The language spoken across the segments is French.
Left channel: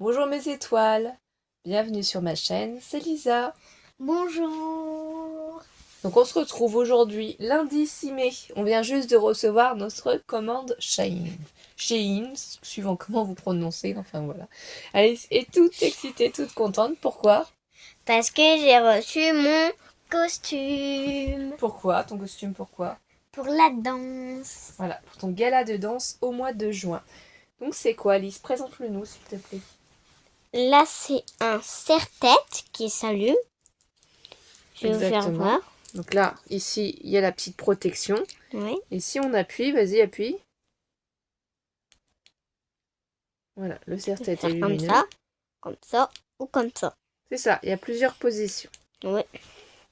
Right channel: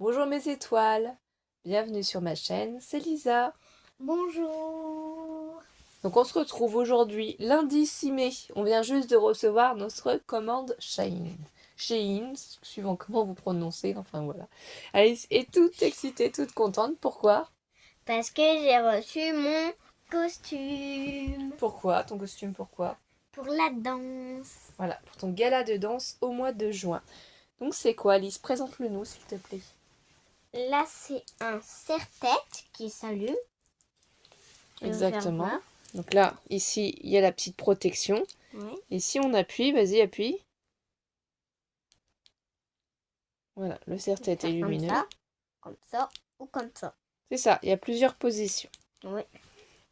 Bonjour mes étoiles, bienvenue sur ma chaîne, c'est Lisa. Bonjour. Donc on se retrouve aujourd'hui, lundi 6 mai. On vient juste de recevoir notre commande Shein. Shein, suivant comment vous prononcez, enfin voilà. Alice est toute excitée, toute contente. Pourquoi? Parce que j'ai reçu mon costume Pourquoi? Ton costume, pourquoi? pour la danse. Voilà, pour ton gala de danse au mois de juin. Donc c'est quoi Alice? Présente-le nous s'il te plaît. Là, c'est un serre-tête qui s'allume. Je vais vous faire Exactement. voir. Donc là, ici, il y a la petite protection. Oui. Et si on appuie, vas-y, appuie. Voilà, le Je vais serre-tête est faire lumineux. comme ça ou comme ça. C'est ça, il y a plusieurs positions. Oui.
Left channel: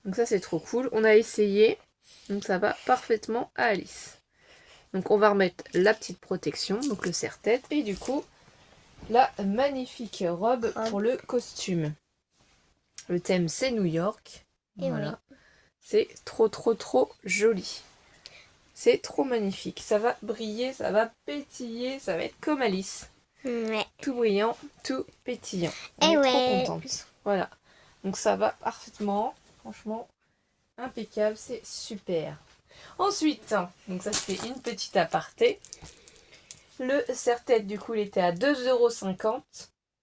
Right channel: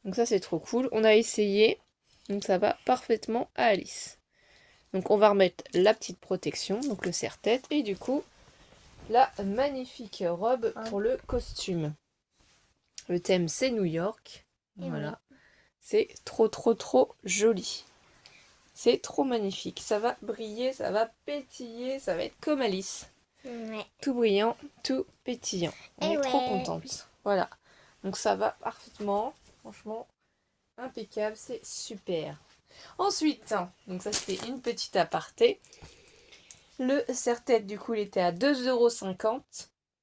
Donc ça, c'est trop cool. On a essayé, donc ça va parfaitement à Alice. Donc on va remettre la petite protection, donc le serre-tête, et du coup, la magnifique robe pour le costume. Le thème, c'est New York. Et Voilà. C'est trop, trop, trop joli. C'est trop magnifique. Ça va briller, ça va pétiller, ça va être comme Alice. Ouais. Tout brillant, tout pétillant. On Et est trop ouais. contente. Voilà. Donc ça va parfaitement. Franchement, impeccable. C'est super. Ensuite, donc ça c'était une petite aparté. Le serre-tête, du coup, il était à 2,50 €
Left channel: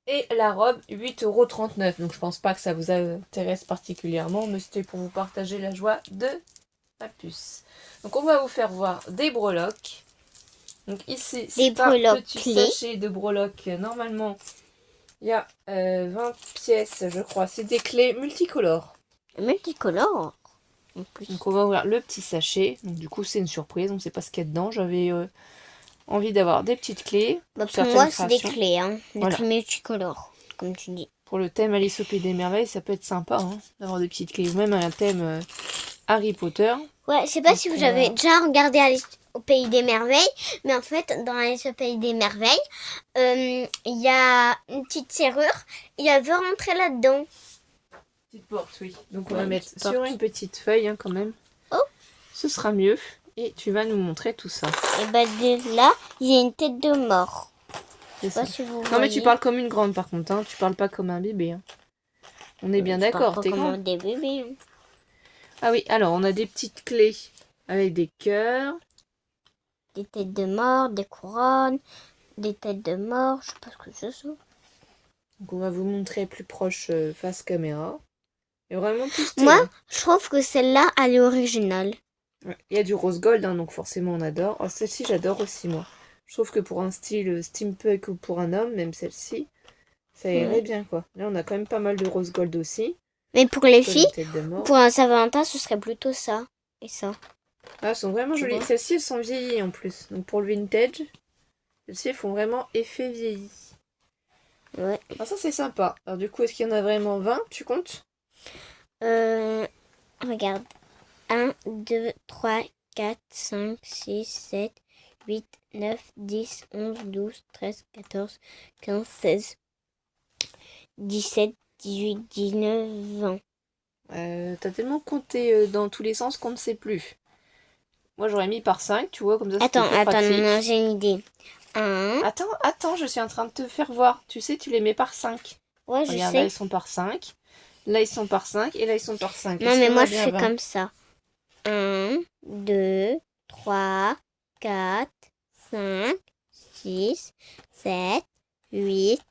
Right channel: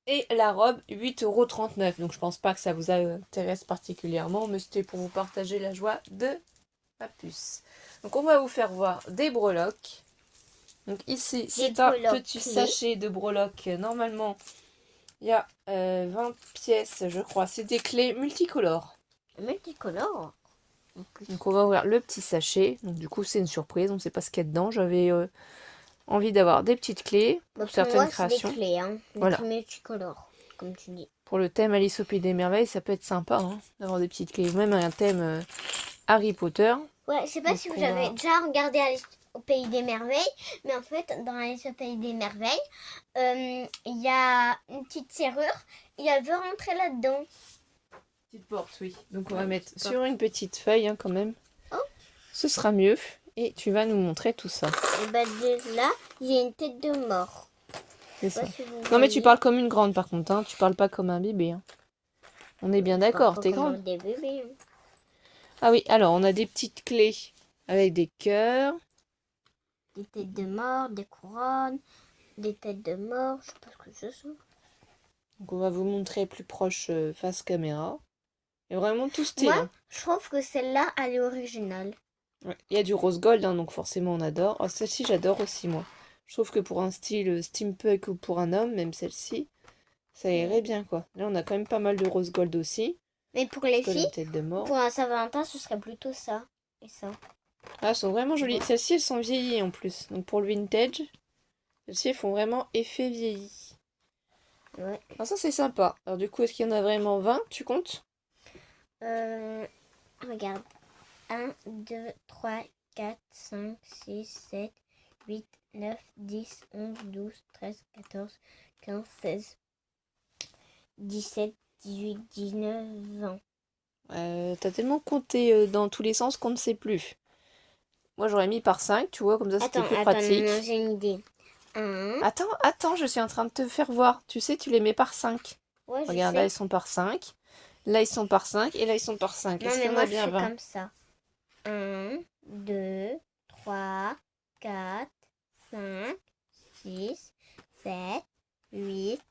et la robe 8,39 €. Donc je pense pas que ça vous intéresse particulièrement, mais c'était pour vous partager la joie de ma puce. Donc on va vous faire voir des breloques. Donc ici, c'est un petit clés. sachet de breloques. Normalement, il y a 20 pièces, je crois. C'est des clés multicolores. Multicolore. En plus. Donc on va ouvrir le petit sachet. Donc du coup, c'est une surprise. On ne sait pas ce qu'il y a dedans. J'avais envie d'avoir des petites clés. Bah, Pour pour certaines moi, c'est des créations. clés, hein. Des Voilà. clés multicolores, comme tu dis. Pour le thème Alice au Pays des Merveilles, ça peut être sympa d'avoir des petites clés. Ou même un thème Harry Potter. Ouais, je sais pas Donc si vous on avez va... déjà regardé Alice au Pays des Merveilles, mais en fait, dans Alice au Pays des Merveilles, il y a une petite serrure et elle veut rentrer là-dedans. Petite porte, oui. Donc on va Ouais, mettre petite sur porte. une petite feuille quand même. Oh. Ce sera mieux. Et tu vas nous montrer tout ça. Et bah de là, il y a une tête de mort. Je sais pas si vous Non voyez. mais tu parles comme une grande par contre, hein. Tu parles pas comme un bébé. Hein. On est bien Je parle d'accord, pas t'es comme grande. des bébés. Hein. Ah oui, alors on a des petites clés avec des cœurs. Des têtes de mort, des couronnes, des têtes de mort, je sais pas ce que c'est ça. Donc on va vous montrer plus proche face caméra. Et vraiment tout Moi, stylé. Hein. je trouve que celle-là, elle est originale. Ouais. Il y a du rose gold, hein, donc forcément on adore. Oh, celle-ci j'adore aussi moi. Je trouve que pour un style steampunk ou pour un homme, même celle-ci, ça irait bien quoi. Là on a quand même pas mal de rose gold aussi. Mais pour les Comme une filles, tête de mort. pour un Saint-Valentin, ce serait plutôt ça et ça. Ah, elles sont vraiment Tu jolies. vois. Celles-ci elles sont vieillies en plus. Donc pour le vintage, celles-ci elles font vraiment effet vieilli. Ouais. Ah, ça c'est sympa. Alors du coup, est-ce qu'il y en a vraiment 20? Tu comptes? Regarde. 1, 2, 3, 4, 5, 6, 7, 8, 9, 10, 11, 12, 13, 14, 15, 16, 17, 18, 19, 20. T'as tellement compté dans tous les sens qu'on ne sait plus. Moi j'aurais mis par 5, tu vois, comme ça c'était plus Attends, pratique. non, j'ai une idée. 1. Attends, je suis en train de te faire voir. Tu sais, tu les mets par 5. Ouais, je Regarde, là sais. ils sont par 5. Là ils sont par 5 et là ils sont par 5. Non, Est-ce mais qu'il y en moi, a je bien fais 20? comme ça. 1, 2, 3, 4, 5, 6, 7, 8,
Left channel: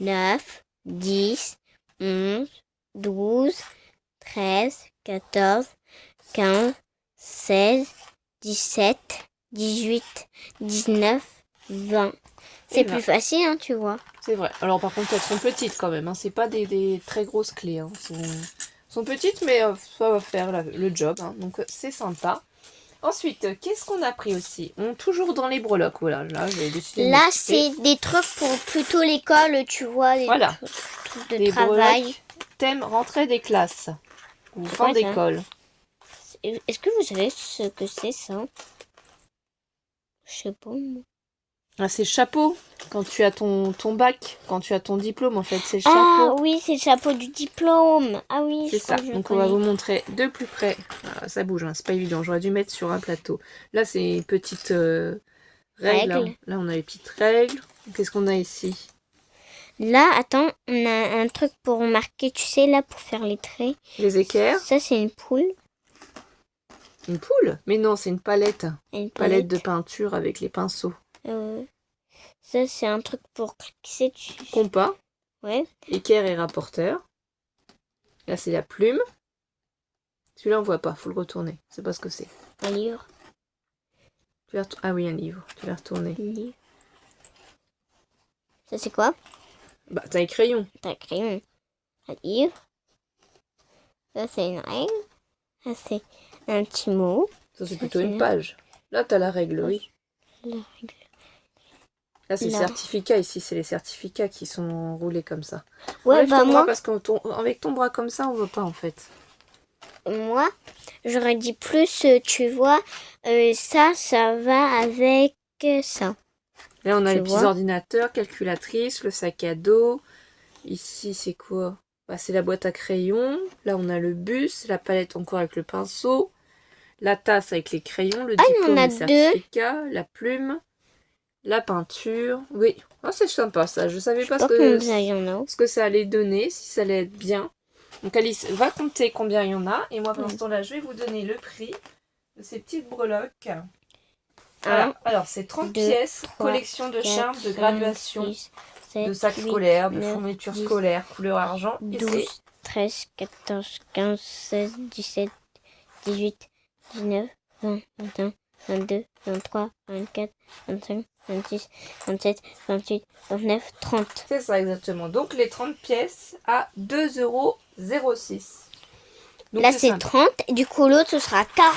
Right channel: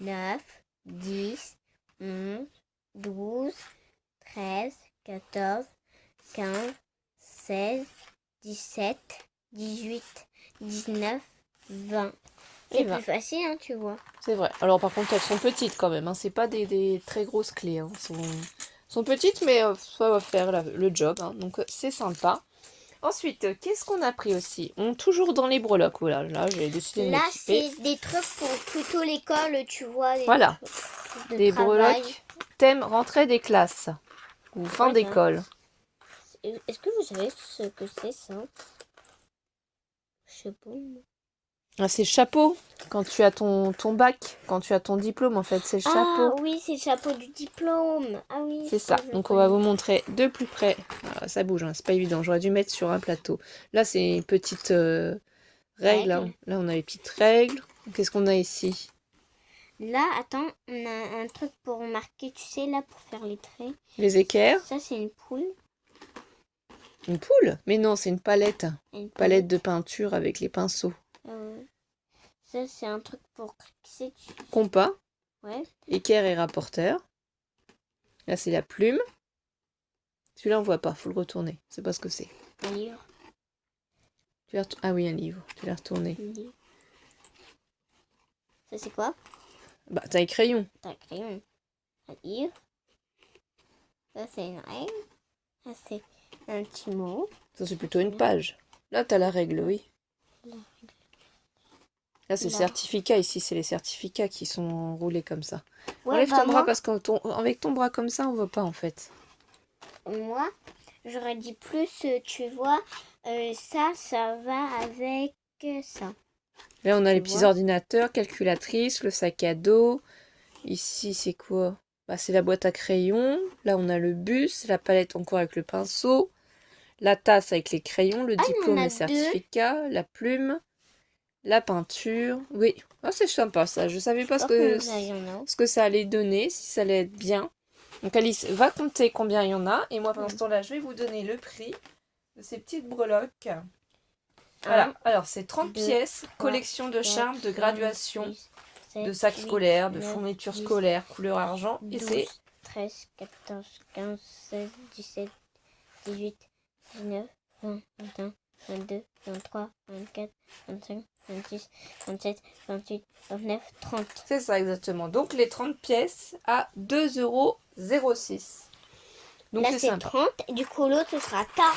9, 10, 11, 12, 13, 14, 15, 16, 17, 18, 19, 20. Et C'est 20. plus facile, hein, tu vois. C'est vrai. Alors par contre, elles sont petites quand même. Hein. C'est pas des très grosses clés. Hein. Sont petites, mais ça va faire le job. Hein. Donc c'est sympa. Ensuite, qu'est-ce qu'on a pris aussi? Toujours dans les breloques. Voilà, là, j'ai décidé de Là, m'occuper. c'est des trucs pour plutôt l'école, tu vois, des Voilà, trucs de les travail. breloques thème rentrée des classes. Ou C'est fin quoi ça? d'école. Est-ce que vous savez ce que c'est ça? Je sais pas. Moi. Ah, c'est le chapeau. Quand tu as ton bac, quand tu as ton diplôme, en fait, c'est le Ah chapeau. oui, c'est le chapeau du diplôme. Ah oui, C'est je crois ça. que je Donc on va connais. vous montrer de plus près. Ah, ça bouge, hein, c'est pas évident. J'aurais dû mettre sur un plateau. Là, c'est une petite règle. Hein. Règle. Là, on a les petites règles. Qu'est-ce qu'on a ici? Là, attends, on a un truc pour marquer, tu sais, là, pour faire les traits. Les équerres. Ça, c'est une poule. Une poule? Mais non, c'est une palette. Une Palette de peinture avec les pinceaux. Ça, c'est un truc pour cliquer dessus. Compas. Ouais. Équerre et rapporteur. Là, c'est la plume. Celui-là, on voit pas. Faut le retourner. C'est pas ce que c'est. Un livre. Ah oui, un livre. Tu l'as retourné. Un livre. Ça, c'est quoi? Bah, t'as les crayons. T'as un crayon. Un livre. Ça, c'est une règle. Ça, c'est un petit mot. Ça, c'est plutôt une page. Là, t'as la règle, oui. La règle. Là, c'est certificat. Ici, c'est les certificats qui sont roulés comme ça. Ouais, Enlève bah ton moi, bras parce qu'avec ton bras comme ça, on voit pas en fait. moi, j'aurais dit plus, tu vois, ça va avec ça. Là, on a Tu les petits vois ordinateurs, calculatrice, le sac à dos. Ici, c'est quoi? Bah, c'est la boîte à crayons. Là, on a le bus, la palette encore avec le pinceau, la tasse avec les crayons, le diplôme, le certificat, la plume, la peinture. Oui, ah, c'est sympa ça. Je savais pas ce que ça allait donner, si ça allait être bien. Donc Alice va compter combien il y en a. Et moi, pendant ce temps-là, je vais vous donner le prix de ces petites breloques. Voilà. Alors, c'est 30 pièces, 3, collection de charmes, de graduation, 6, 7, de sacs scolaires, de fournitures scolaires, couleur argent. 12, 13, 14, 15, 16, 17, 18, 19, 20, 21, 22, 23, 24, 25, 26, 27, 28, 29, 30. C'est ça exactement. Donc les 30 pièces à 2,06 €. Là c'est 30 et du coup l'autre ce sera 40.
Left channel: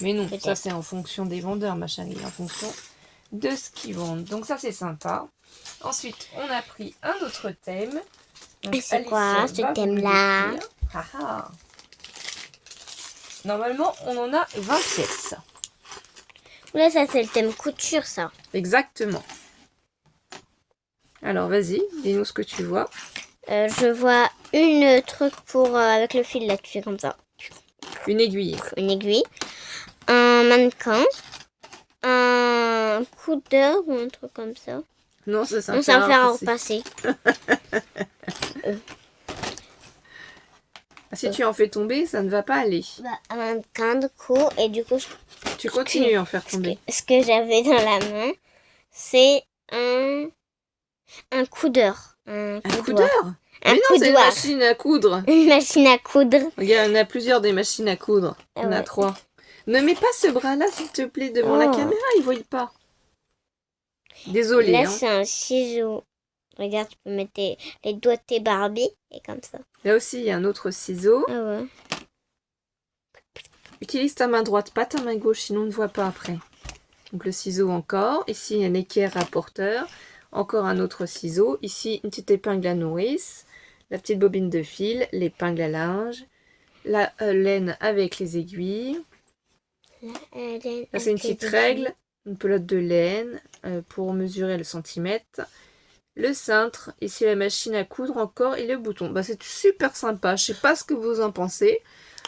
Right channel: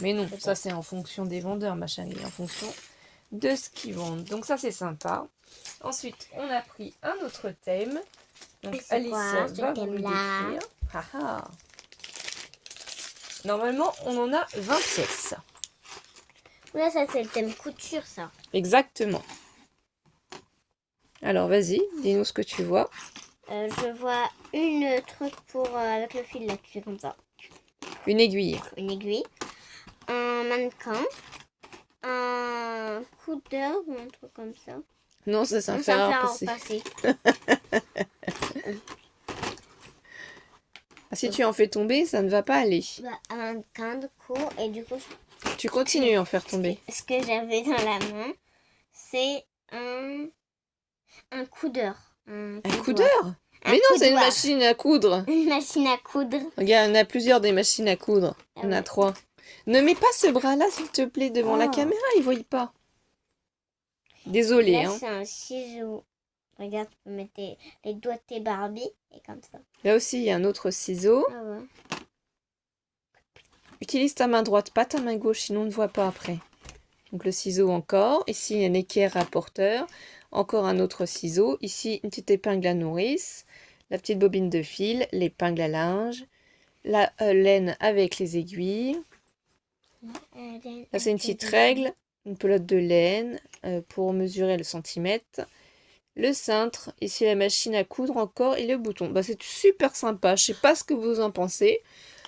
Mais non, ça c'est en fonction des vendeurs, ma chérie, en fonction de ce qu'ils vendent. Donc ça c'est sympa. Ensuite, on a pris un autre thème. Et c'est quoi ce thème-là? Normalement, on en a 20 pièces. Là, ça c'est le thème couture, ça. Exactement. Alors, vas-y, dis-nous ce que tu vois. Je vois une truc pour avec le fil là, tu fais comme ça. Une aiguille. Une aiguille. Un mannequin. Un coudeur ou un truc comme ça. Non, ça c'est un fer à repasser. Si tu en fais tomber, ça ne va pas aller. Un mannequin de coup, et du coup... Tu continues à en faire tomber. Ce que j'avais dans la main, c'est un coudeur. Un coudeur? Mais non, c'est une machine à coudre. Une machine à coudre. Regarde, on a plusieurs des machines à coudre. On a 3. Ne mets pas ce bras-là, s'il te plaît, devant la caméra, ils ne voient pas. Désolée. Là, c'est un ciseau. Regarde, tu peux mettre les doigts de tes Barbie et comme ça. Là aussi, il y a un autre ciseau. Ah ouais. Utilise ta main droite, pas ta main gauche, sinon on ne voit pas après. Donc le ciseau encore. Ici, il y a un équerre rapporteur. Encore un autre ciseau. Ici, une petite épingle à nourrice. La petite bobine de fil. L'épingle à linge. La laine avec les aiguilles. Là, c'est une petite règle. Une pelote de laine pour mesurer le centimètre. Le cintre. Ici, la machine à coudre encore. Et le bouton. Bah, c'est super sympa. Je sais pas ce que vous en pensez.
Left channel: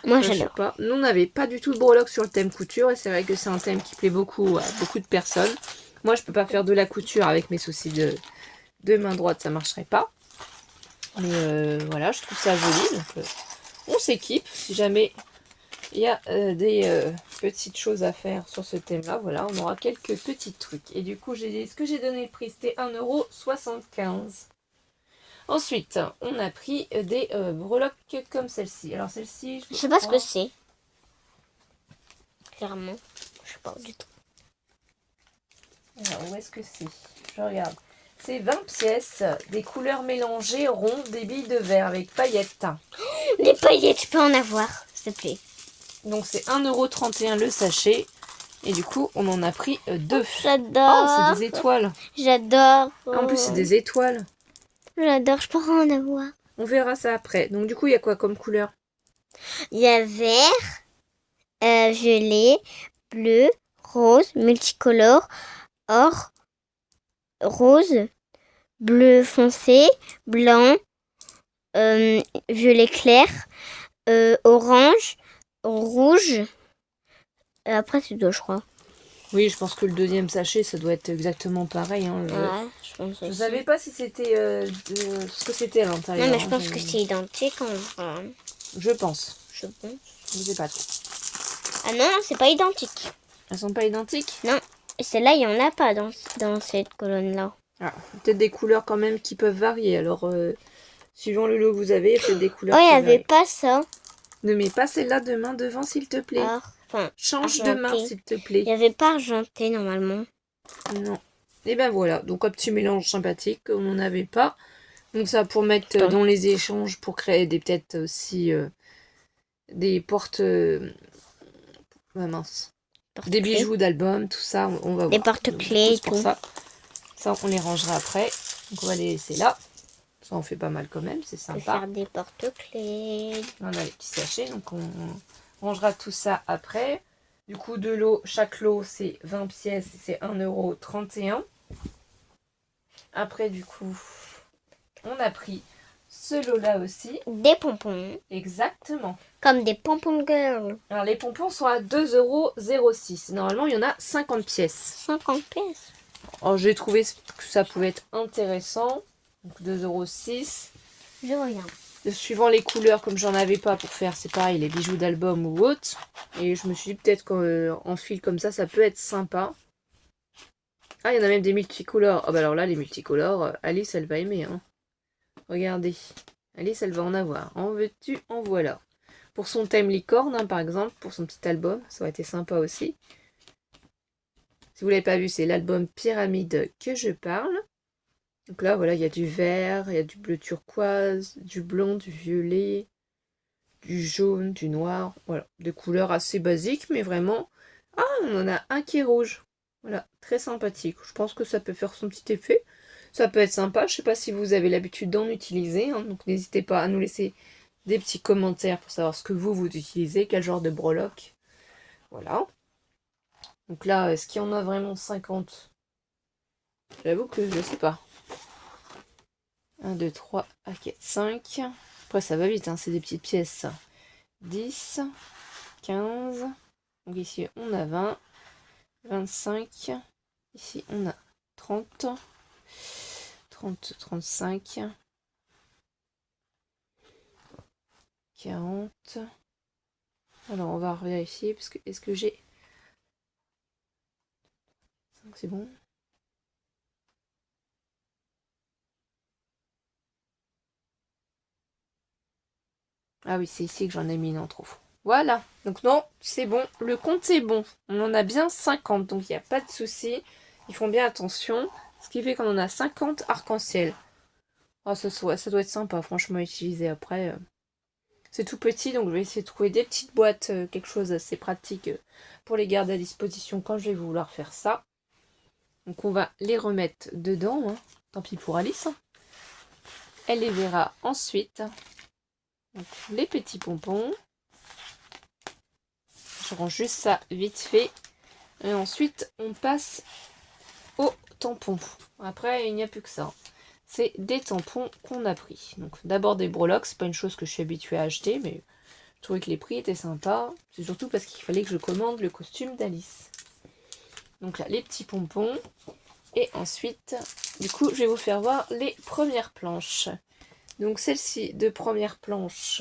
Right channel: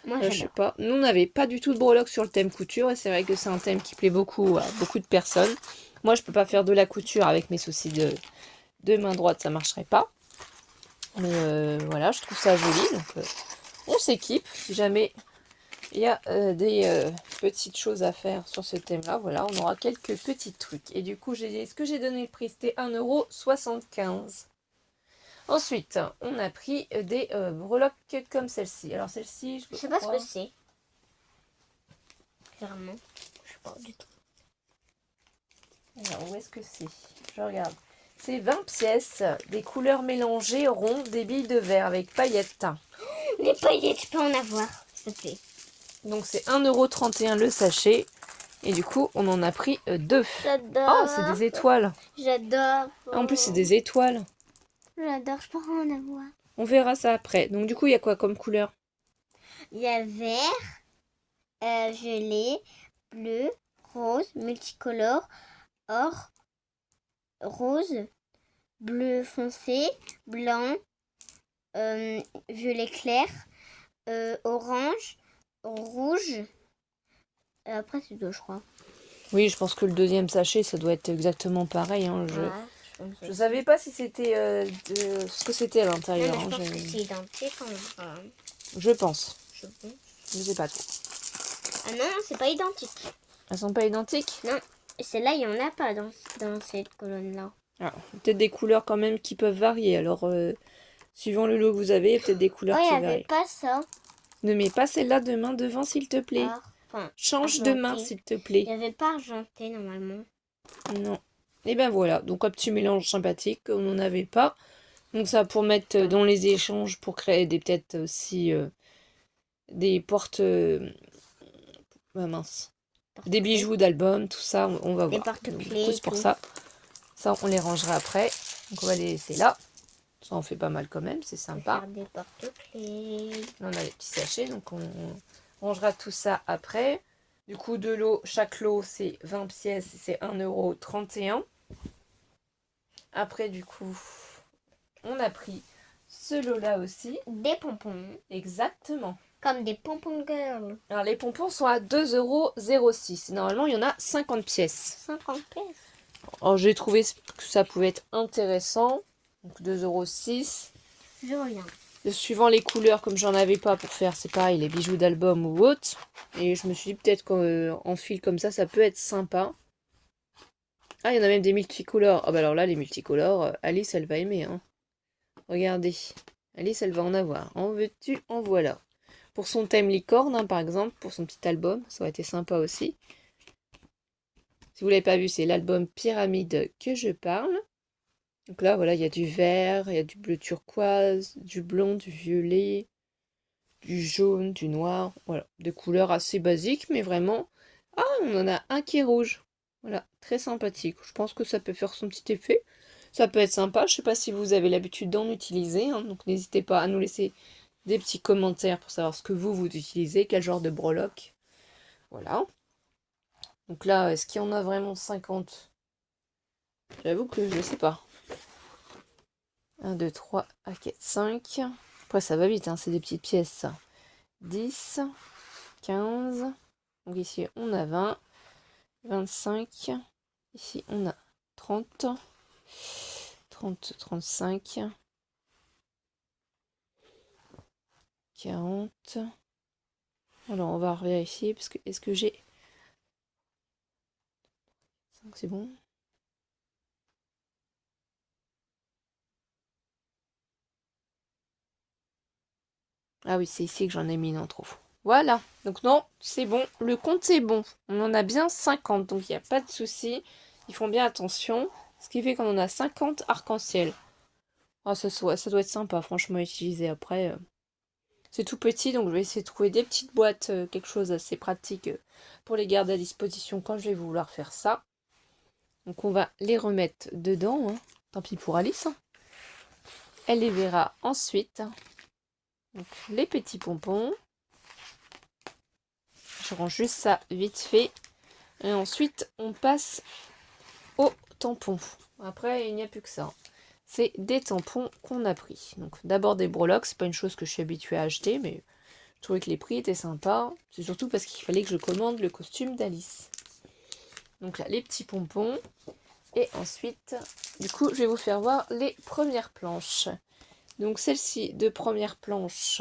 Moi, je sais pas. Nous, on n'avait pas du tout de breloques sur le thème couture. Et c'est vrai que c'est un thème qui plaît beaucoup à beaucoup de personnes. Moi, je peux pas faire de la couture avec mes soucis de main droite. Ça marcherait pas. Mais voilà, je trouve ça joli. Donc, on s'équipe. Si jamais il y a des petites choses à faire sur ce thème-là, voilà, on aura quelques petits trucs. Et du coup, ce que j'ai donné le prix, c'était 1,75 €. Ensuite, on a pris des breloques comme celle-ci. Alors celle-ci, je sais pas ce que c'est. Clairement, je sais pas du tout. Alors, où est-ce que c'est? Je regarde. C'est 20 pièces, des couleurs mélangées, rondes, des billes de verre avec paillettes. Des paillettes, je peux en avoir, s'il te plaît. Donc c'est 1,31 € le sachet. Et du coup, on en a pris 2. J'adore. Oh, c'est des étoiles. J'adore. En plus, c'est des étoiles. J'adore, je pourrais en avoir. On verra ça après. Donc du coup, il y a quoi comme couleur? Il y a vert, violet, bleu, rose, multicolore, or, rose, bleu foncé, blanc, violet clair, orange, rouge. Après, c'est deux, je crois. Oui, je pense que le deuxième sachet, ça doit être exactement pareil. Hein. Ouais, je pense Je aussi. savais pas si c'était ce que c'était à Non, l'intérieur. mais je pense que c'est identique en vrai. Je pense. Je pense. Je sais pas trop. Ah non, c'est pas identique. Elles sont pas identiques? Non, et celle-là, il y en a pas dans cette colonne-là. Ah, peut-être des couleurs quand même qui peuvent varier. Alors, suivant le lot que vous avez, il y a peut-être des Oh, couleurs il qui n'y avait varient. pas ça. Ne mets pas celle-là de main devant, s'il te plaît. Enfin, Change de main, argenté. s'il te Il plaît. n'y avait pas argenté normalement. Non. Et ben voilà, donc un petit mélange sympathique, on n'en avait pas. Donc ça pour mettre Attends. dans les échanges, pour créer des peut-être aussi des portes... ah mince. Des bijoux d'album, tout ça, on va Des voir. porte-clés et C'est pour tout. ça. Ça, on les rangera après. Donc on va les laisser là. Ça en fait pas mal quand même, c'est On peut sympa. faire des porte-clés. On a les petits sachets, donc on rangera tout ça après. Du coup, de l'eau, chaque lot, c'est 20 pièces, c'est 1,31 €. Après, du coup, on a pris ce lot-là aussi. Des pompons. Exactement. Comme des pompons girl. Alors, les pompons sont à 2,06 €. Normalement, il y en a 50 pièces. 50 pièces. Alors, j'ai trouvé que ça pouvait être intéressant. Donc, 2,06 €. Je regarde. Suivant les couleurs, comme j'en avais pas pour faire, c'est pareil, les bijoux d'album ou autre. Et je me suis dit peut-être qu'en fil comme ça peut être sympa. Ah, il y en a même des multicolores. Ah bah alors là, les multicolores, Alice, elle va aimer. Hein. Regardez. Alice, elle va en avoir. En veux-tu, en voilà. Pour son thème licorne, hein, par exemple, pour son petit album, ça aurait été sympa aussi. Si vous l'avez pas vu, c'est l'album Pyramide que je parle. Donc là, voilà, il y a du vert, il y a du bleu turquoise, du blanc, du violet, du jaune, du noir. Voilà, des couleurs assez basiques, mais vraiment... Ah, on en a un qui est rouge. Voilà, très sympathique. Je pense que ça peut faire son petit effet. Ça peut être sympa. Je sais pas si vous avez l'habitude d'en utiliser. Hein, donc n'hésitez pas à nous laisser des petits commentaires pour savoir ce que vous utilisez, quel genre de breloque. Voilà. Donc là, est-ce qu'il y en a vraiment 50? J'avoue que je sais pas. 1, 2, 3, ok, 5. Après, ça va vite, hein, c'est des petites pièces, ça. 10, 15. Donc ici, on a 20, 25. Ici, on a 30, 30, 35, 40. Alors, on va vérifier, parce que est-ce que j'ai... C'est bon. Ah oui, c'est ici que j'en ai mis une en trop. Voilà, donc non, c'est bon, le compte c'est bon. On en a bien 50, donc il n'y a pas de souci. Ils font bien attention, ce qui fait qu'on en a 50 arc-en-ciel. Oh, ça doit être sympa, franchement, à utiliser après. C'est tout petit, donc je vais essayer de trouver des petites boîtes, quelque chose d'assez pratique pour les garder à disposition quand je vais vouloir faire ça. Donc on va les remettre dedans, hein. Tant pis pour Alice. Elle les verra ensuite. Donc, les petits pompons. Je range juste ça vite fait. Et ensuite, on passe aux tampons. Après, il n'y a plus que ça. C'est des tampons qu'on a pris. Donc d'abord des breloques, c'est pas une chose que je suis habituée à acheter, mais je trouvais que les prix étaient sympas. C'est surtout parce qu'il fallait que je commande le costume d'Alice. Donc là, les petits pompons. Et ensuite, du coup, je vais vous faire voir les premières planches. Donc celle-ci de première planche,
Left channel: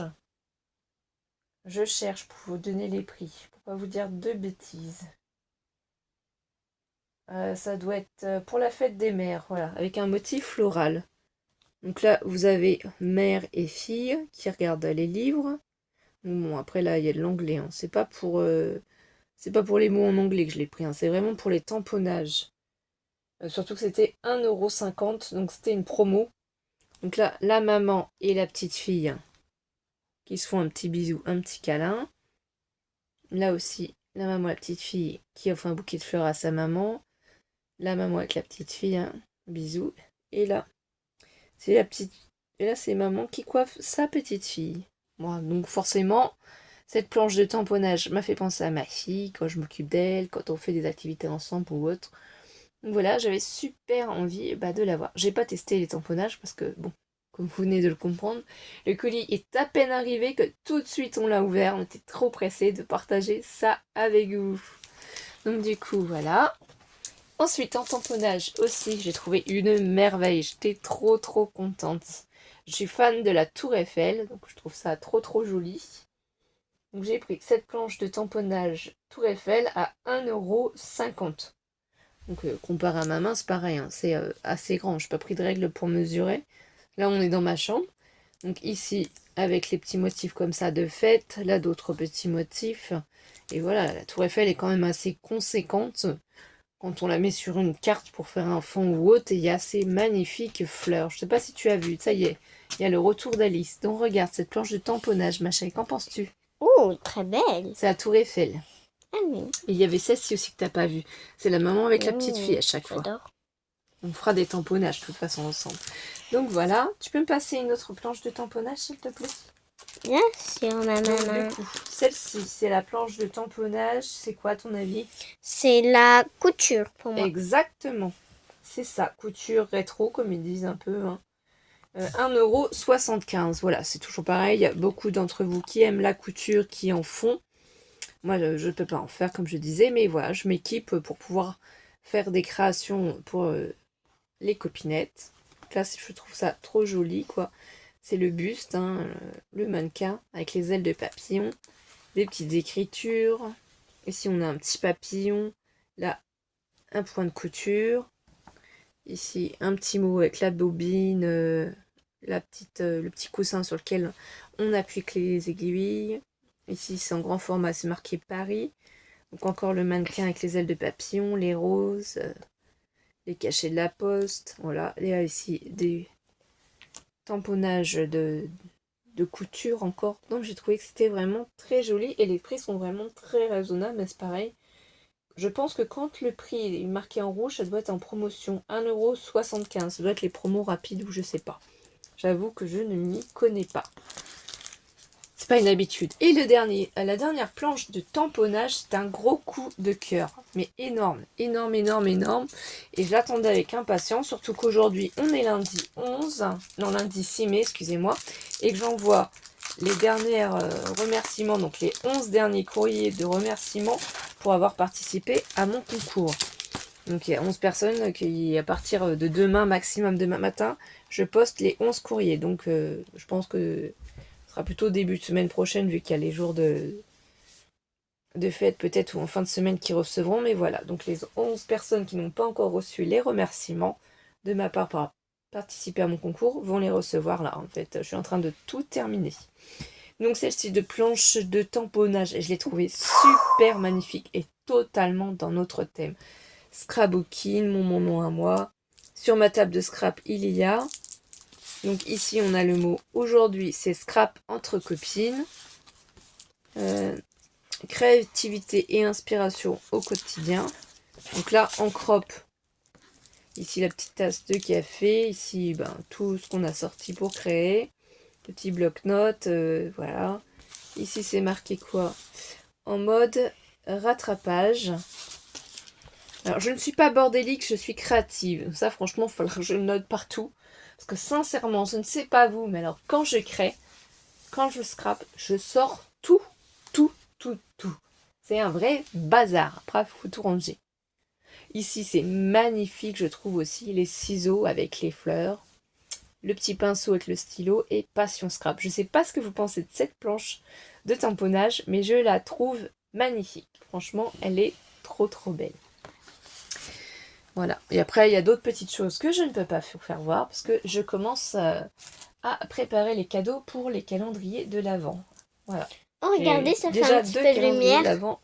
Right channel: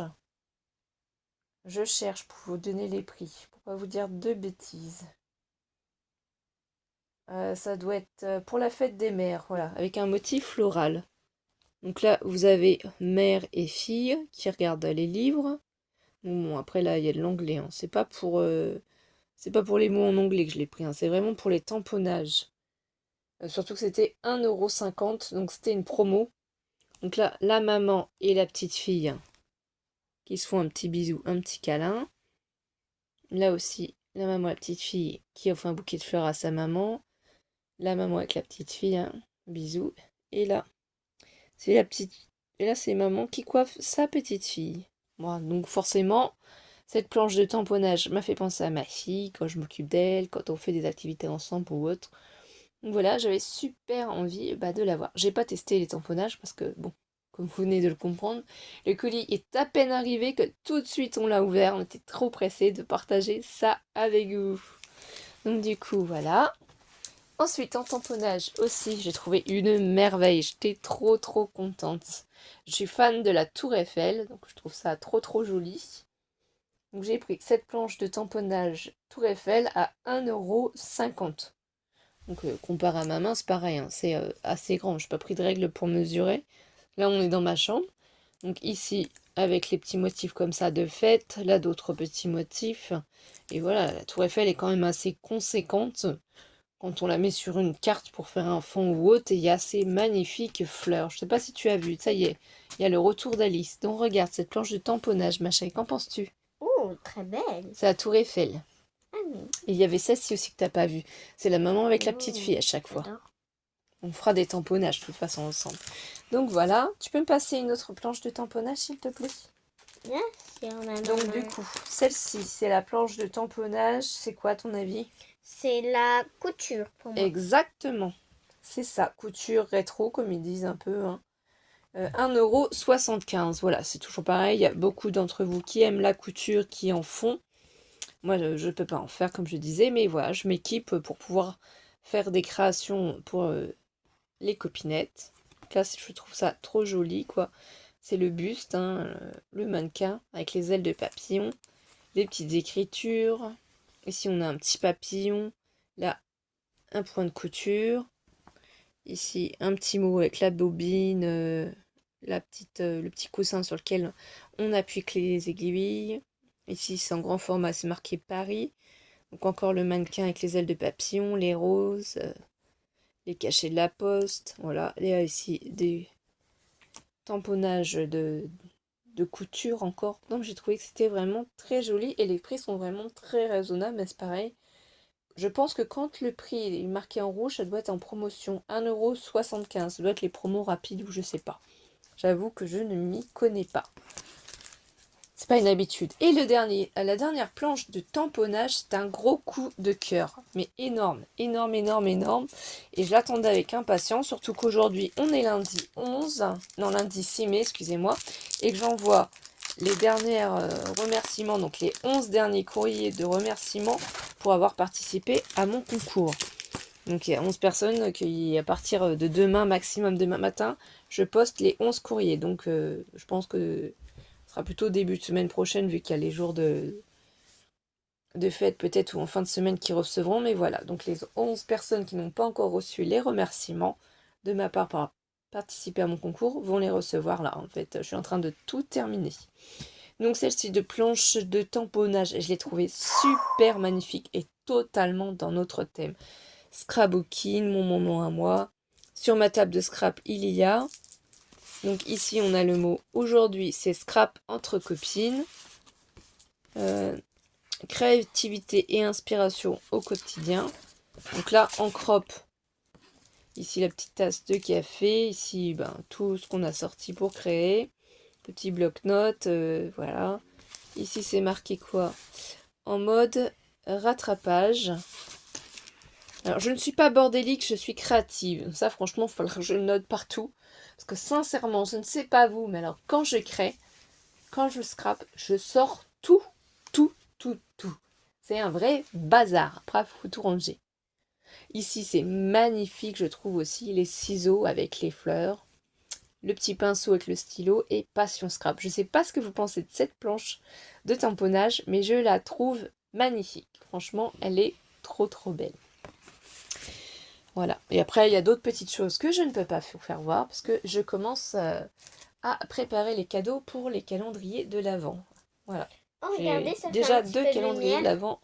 je cherche pour vous donner les prix, pour pas vous dire de bêtises. Ça doit être pour la fête des mères, voilà, avec un motif floral. Donc là, vous avez mère et fille qui regardent les livres. Bon, après là, il y a de l'anglais. Hein. C'est pas pour les mots en anglais que je l'ai pris. Hein. C'est vraiment pour les tamponnages. Surtout que c'était 1,50 €, donc c'était une promo. Donc là, la maman et la petite fille qui se font un petit bisou, un petit câlin. Là aussi, la maman et la petite fille qui offre un bouquet de fleurs à sa maman. La maman avec la petite fille, un bisou. Et là, c'est la petite. Et là, c'est maman qui coiffe sa petite fille. Bon, donc forcément, cette planche de tamponnage m'a fait penser à ma fille quand je m'occupe d'elle, quand on fait des activités ensemble ou autre. Donc voilà, j'avais super envie de l'avoir. J'ai pas testé les tamponnages parce que, bon, comme vous venez de le comprendre, le colis est à peine arrivé que tout de suite on l'a ouvert. On était trop pressés de partager ça avec vous. Donc du coup, voilà. Ensuite, en tamponnage aussi, j'ai trouvé une merveille. J'étais trop contente. Je suis fan de la Tour Eiffel, donc je trouve ça trop joli. Donc j'ai pris cette planche de tamponnage Tour Eiffel à 1,50 €. Donc comparé à ma main, c'est pareil, hein, c'est assez grand. Je n'ai pas pris de règle pour mesurer. Là, on est dans ma chambre. Donc ici, avec les petits motifs comme ça de fête, là d'autres petits motifs. Et voilà, la Tour Eiffel est quand même assez conséquente quand on la met sur une carte pour faire un fond ou autre. Et il y a ces magnifiques fleurs. Je ne sais pas si tu as vu, ça y est, il y a le retour d'Alice. Donc regarde cette planche de tamponnage, ma chérie, qu'en penses-tu? Oh, très belle. C'est la Tour Eiffel. Ah oui. Et il y avait celle-ci aussi que t'as pas vue. C'est la maman avec la petite fille à chaque fois. J'adore. On fera des tamponnages de toute façon ensemble. Donc voilà, tu peux me passer une autre planche de tamponnage s'il te plaît? Bien sûr, ma Donc maman. du coup, celle-ci, c'est la planche de tamponnage. C'est quoi à ton avis? C'est la couture pour moi. Exactement. C'est ça, couture rétro comme ils disent un peu. Hein. 1,75 €. Voilà, c'est toujours pareil. Il y a beaucoup d'entre vous qui aiment la couture, qui en font. Moi, je ne peux pas en faire comme je disais, mais voilà, je m'équipe pour pouvoir faire des créations pour les copinettes. Donc là, je trouve ça trop joli, quoi. C'est le buste, hein, le mannequin, avec les ailes de papillon, des petites écritures. Ici, on a un petit papillon. Là, un point de couture. Ici, un petit mot avec la bobine, le petit coussin sur lequel on appuie les aiguilles. Ici, c'est en grand format, c'est marqué Paris. Donc encore le mannequin avec les ailes de papillon, les roses, les cachets de la poste. Voilà, il y a ici des tamponnages de couture encore. Donc j'ai trouvé que c'était vraiment très joli et les prix sont vraiment très raisonnables, mais c'est pareil. Je pense que quand le prix est marqué en rouge, ça doit être en promotion. 1,75 €. Ça doit être les promos rapides ou je sais pas. J'avoue que je ne m'y connais pas. C'est pas une habitude. Et la dernière planche de tamponnage, c'est un gros coup de cœur. Mais énorme. Et je l'attendais avec impatience, surtout qu'aujourd'hui, on est lundi 11, non lundi 6 mai, excusez-moi, et que j'envoie les derniers remerciements, donc les 11 derniers courriers de remerciements pour avoir participé à mon concours. Donc il y a 11 personnes qui, à partir de demain, maximum demain matin, je poste les 11 courriers. Donc je pense que ce sera plutôt début de semaine prochaine, vu qu'il y a les jours de fête peut-être, ou en fin de semaine qui recevront. Mais voilà, donc les 11 personnes qui n'ont pas encore reçu les remerciements de ma part pour participer à mon concours vont les recevoir là. En fait, je suis en train de tout terminer. Donc celle-ci de planche de tamponnage, je l'ai trouvée super magnifique et totalement dans notre thème. Scrapbooking, mon moment à moi. Sur ma table de scrap, il y a. Donc ici, on a le mot aujourd'hui, c'est scrap entre copines. Créativité et inspiration au quotidien. Donc là, en crop, ici la petite tasse de café. Ici, tout ce qu'on a sorti pour créer. Le petit bloc-notes, voilà. Ici, c'est marqué quoi? En mode rattrapage. Alors, je ne suis pas bordélique, je suis créative. Ça, franchement, il faudra que je le note partout. Parce que sincèrement, je ne sais pas vous, mais alors quand je crée, quand je scrape, je sors tout. C'est un vrai bazar. Après, il faut tout ranger. Ici, c'est magnifique, je trouve aussi. Les ciseaux avec les fleurs. Le petit pinceau avec le stylo et Passion Scrap. Je ne sais pas ce que vous pensez de cette planche de tamponnage, mais je la trouve magnifique. Franchement, elle est trop belle. Voilà. Et après, il y a d'autres petites choses que je ne peux pas vous faire voir parce que je commence à préparer les cadeaux pour les calendriers de l'Avent. Voilà. Oh, regardez, ça fait déjà un petit 2 peu de calendriers lumière. d'Avent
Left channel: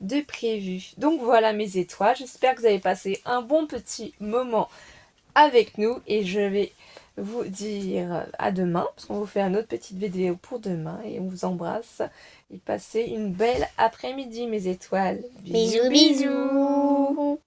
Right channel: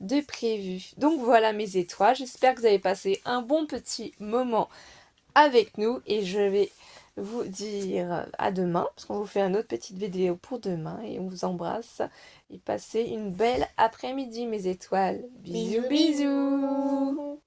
de prévus. Donc voilà mes étoiles. J'espère que vous avez passé un bon petit moment avec nous et je vais vous dire à demain parce qu'on vous fait une autre petite vidéo pour demain et on vous embrasse et passez une belle après-midi mes étoiles. Bisous, bisous.